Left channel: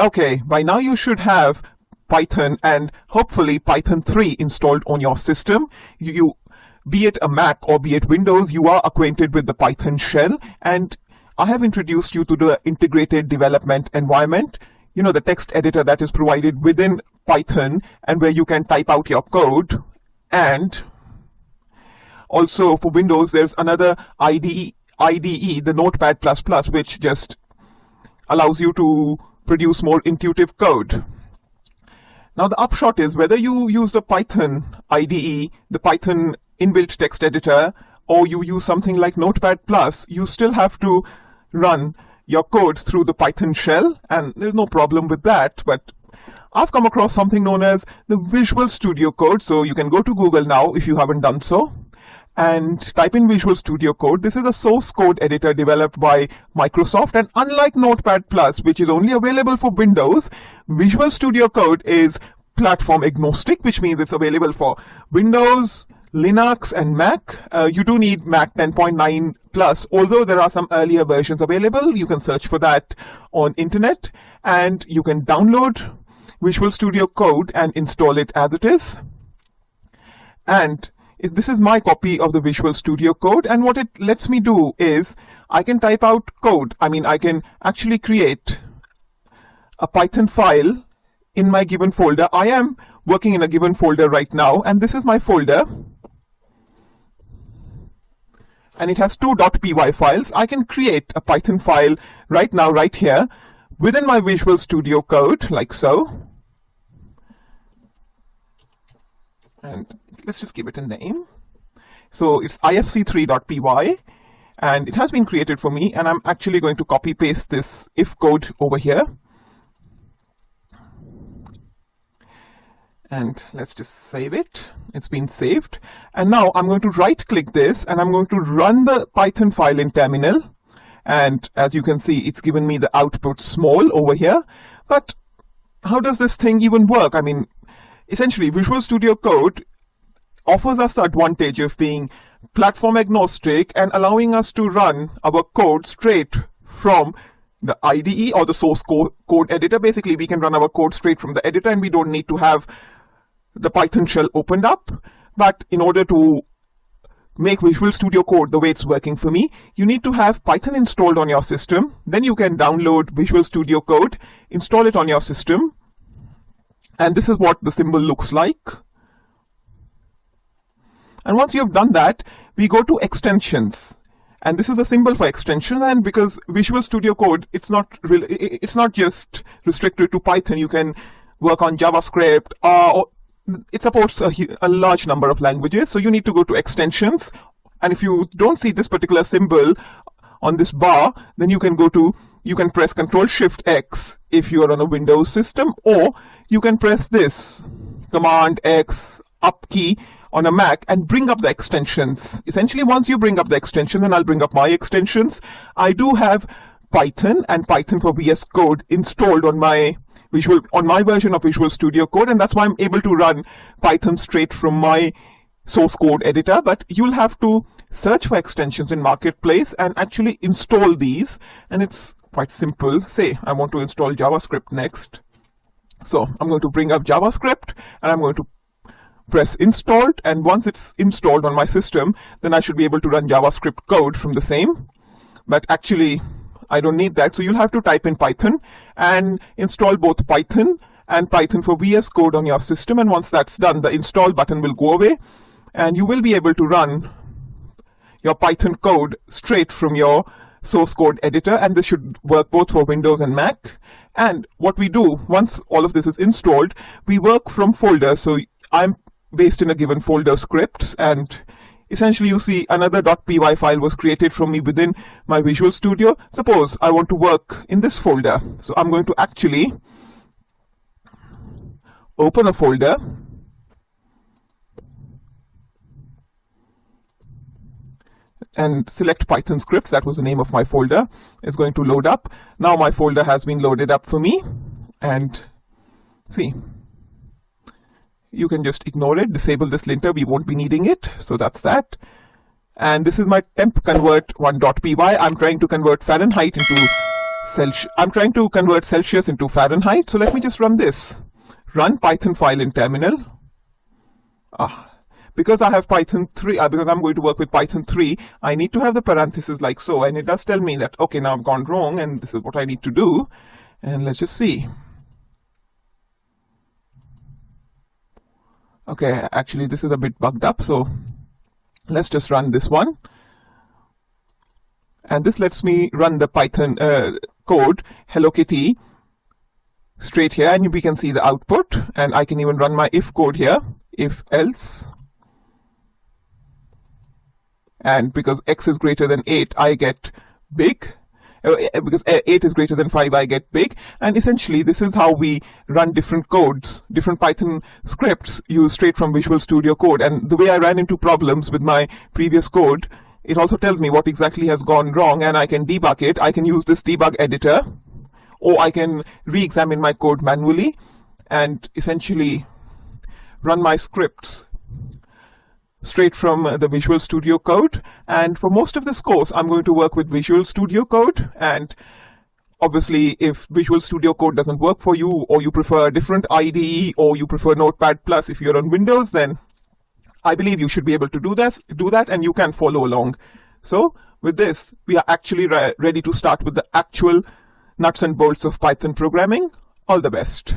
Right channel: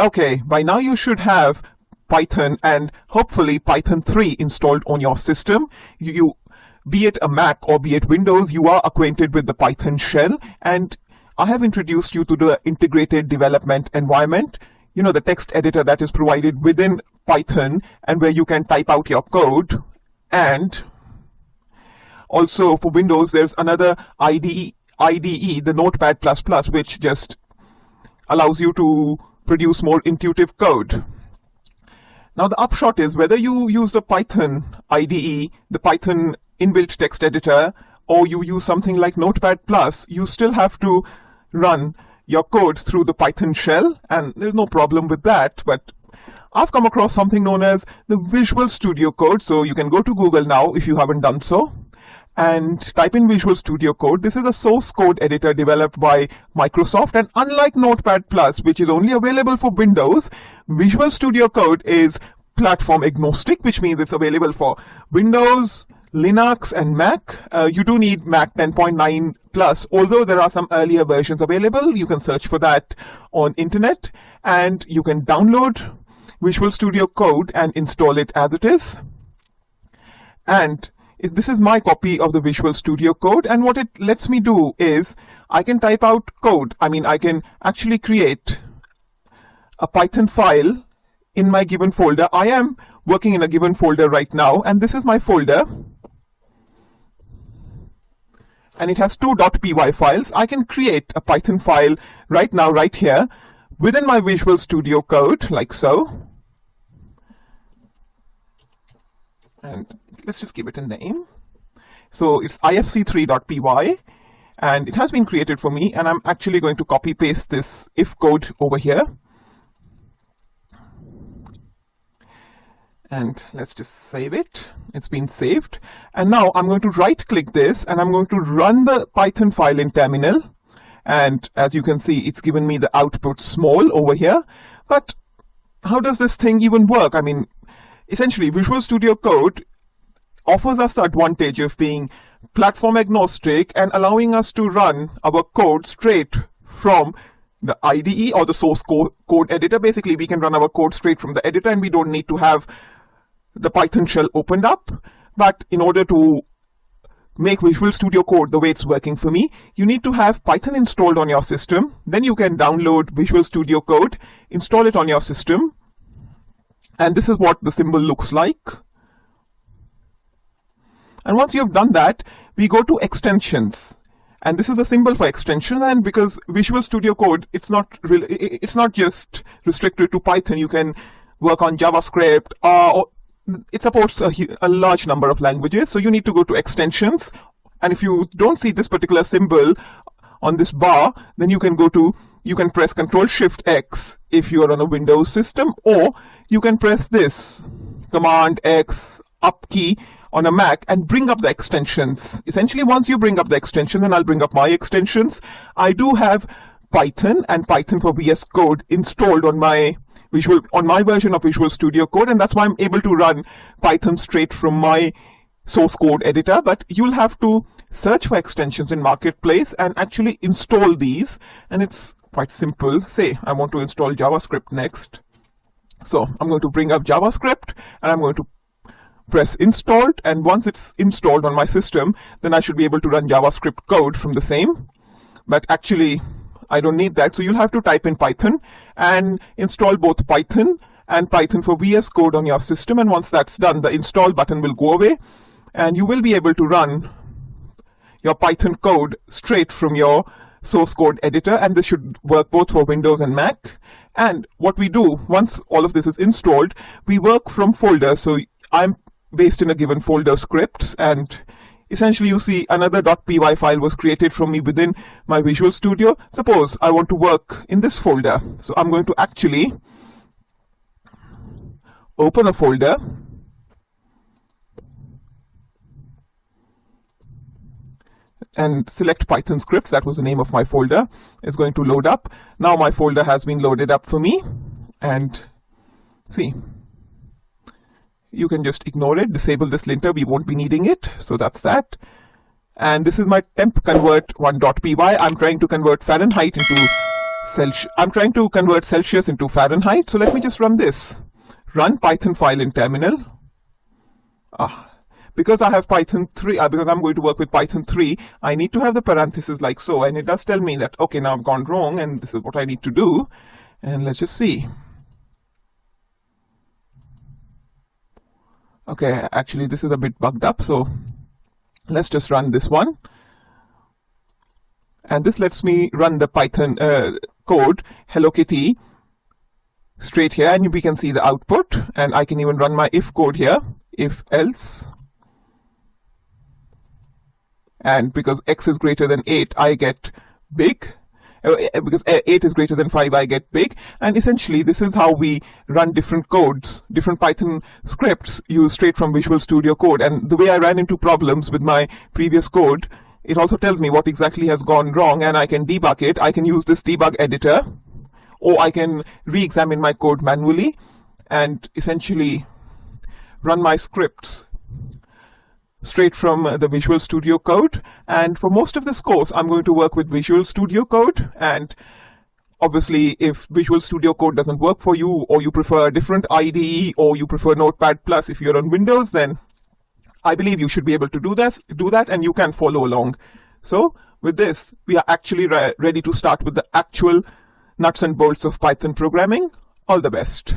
Okay, by now you should have Python and hopefully Python 3 installed on your system. Be it a Mac or be it Windows, you are acquainted with the Python shell, and I have introduced you to the integrated development environment. You know, the text editor that is provided within Python and where you can type out your code. And also for Windows, there's another IDE, the Notepad++, which just allows you to produce more intuitive code. Now the upshot is, whether you use the Python IDE, the Python inbuilt text editor, or you use something like Notepad+, you still have to run your code through the Python shell, and there's no problem with that. But I've come across something known as the Visual Studio Code. So you can go to Google now if you haven't done so, and type in Visual Studio Code. This is a source code editor developed by Microsoft, and unlike Notepad+, which is only available for Windows, Visual Studio Code is platform agnostic, which means it's available for Windows, Linux, and Mac. You do need Mac 10.9 plus, although there are some earlier versions available. You can search for that on internet, and you can download Visual Studio Code and install it as it is. And this is my copy of the Visual Studio Code, and what it lets me do is I can type out code. I can actually create a Python file in my given folder. I am working in a given folder right now, and this is my folder, and it has two .py files. I can create a Python file right now, right here, within my Visual Studio Code, like so. And let's just give it a name. So it's ifc3.py, and it has been created for me, and I'm actually going to copy paste this if code over here. And let's just save it. It's been saved. And now I'm going to right click this, and I'm going to run the Python file in terminal. And as you can see, it's given me the output small over here. But how does this thing even work? Essentially, Visual Studio Code offers us the advantage of being platform agnostic and allowing us to run our code straight from the IDE or the source code editor. Basically, we can run our code straight from the editor, and we don't need to have the Python shell opened up. But in order to make Visual Studio Code the way it's working for me, you need to have Python installed on your system. Then you can download Visual Studio Code, install it on your system, and this is what the symbol looks like. And once you've done that, we go to extensions. And this is a symbol for extension, and because Visual Studio Code, it's not just restricted to Python. You can work on JavaScript, or it supports a large number of languages. So you need to go to extensions, and if you don't see this particular symbol on this bar, then you can press Ctrl+Shift+X if you are on a Windows system, or you can press this Command X up key on a Mac and bring up the extensions. Essentially, once you bring up the extension, and I'll bring up my extensions, I do have Python and Python for VScode installed on my version of Visual Studio Code, and that's why I'm able to run Python straight from my source code editor. But you'll have to search for extensions in Marketplace and actually install these, and it's quite simple. Say I want to install JavaScript next, so I'm going to bring up JavaScript, and I'm going to press installed, and once it's installed on my system, then I should be able to run JavaScript code from the same. But actually, I don't need that, so you'll have to type in Python and install both Python and Python for VS Code on your system. And once that's done, the install button will go away, and you will be able to run your Python code straight from your source code editor, and this should work both for Windows and Mac. And what we do, once all of this is installed, we work from folders. So I'm based in a given folder scripts, and essentially you see another .py file was created from me within my Visual Studio. Suppose I want to work in this folder, so I'm going to actually open a folder, and select Python scripts. That was the name of my folder. It's going to load up. Now my folder has been loaded up for me, and see, you can just ignore it, disable this linter, we won't be needing it. So that's that. And this is my temp convert1.py. I'm trying to convert Celsius into Fahrenheit. So let me just run this. Run Python file in terminal. Because I have Python 3, because I'm going to work with Python 3, I need to have the parentheses like so. And it does tell me that, okay, now I've gone wrong and this is what I need to do. And let's just see. Okay, actually this is a bit bugged up, so let's just run this one. And this lets me run the Python code, Hello Kitty, straight here, and we can see the output. And I can even run my if code here, if else. And because x is greater than 8, I get big. Because 8 is greater than 5, I get big. And essentially, this is how we run different codes, different Python scripts used straight from Visual Studio Code. And the way I ran into problems with my previous code, it also tells me what exactly has gone wrong, and I can debug it. I can use this debug editor, or I can re-examine my code manually and essentially run my scripts straight from the Visual Studio Code. And for most of this course, I'm going to work with Visual Studio Code. And obviously, if Visual Studio Code doesn't work for you, or you prefer a different IDE, or you prefer Notepad+, if you're on Windows, then I believe you should be able to do that, and you can follow along. So with this, we are actually ready to start with the actual nuts and bolts of Python programming. All the best.